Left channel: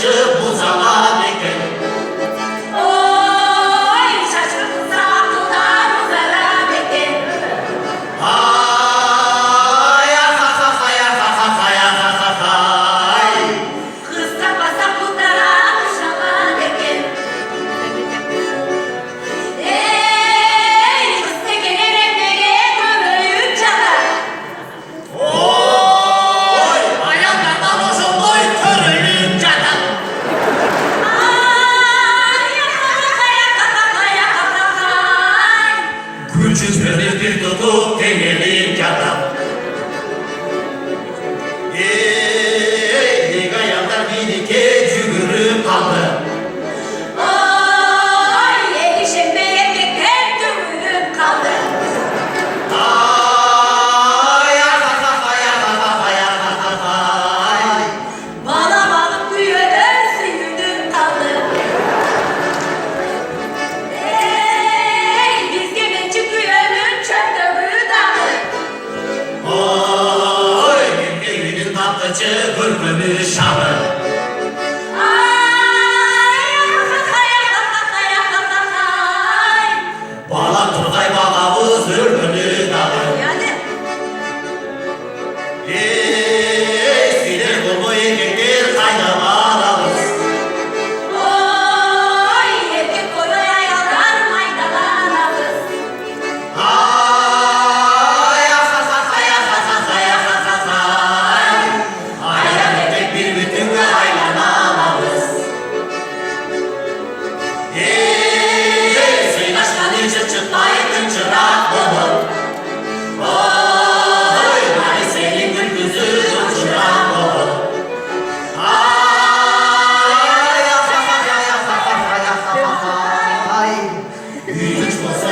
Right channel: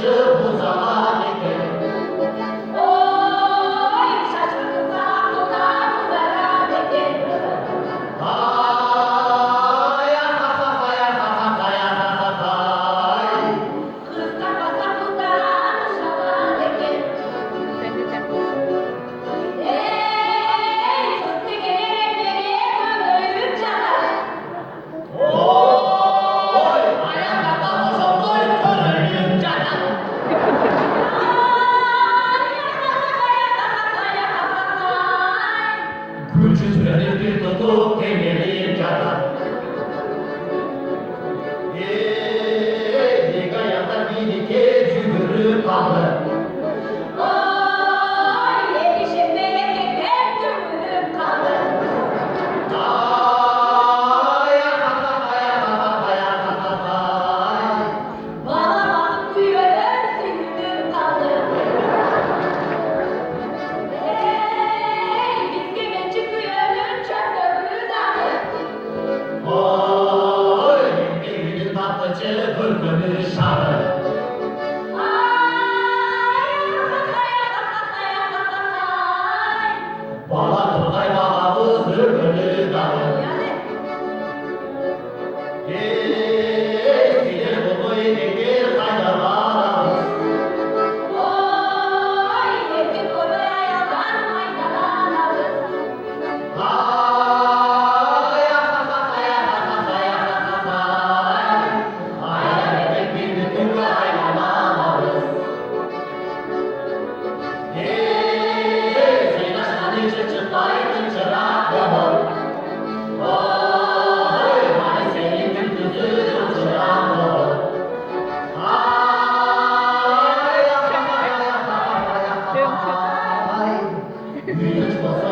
tanışıp bu zaman iken. Oy şaşırtsa dudağım zarar iken. Ay ha ha ha ha ha ha ha ha. Kısa basa putara şalan iken. Ey kısa gelene nege ömrüm çalar. Oy ayağından hoşumdoy körülüm canım. Küçük bir tutup denelim canım. Ey gayanlar bir iki cügürüm kaldı. Ay ha ha ha ha ha ha ha. Oy evinin tatlıcı bülbülü şanı. Bala turgay bağavuz bülbülü dalı. Ey sinir bulmayı getir kayda bağlamız. Ay ha ha ha ha ha. Ayağını tek bir bütünle aylanamamız. Sen aşkını çıt çıtlayın çırak olur. Oy hani senin gül yüzü çırak olur. Ay ha ha ha ha ha ha. Güç olsa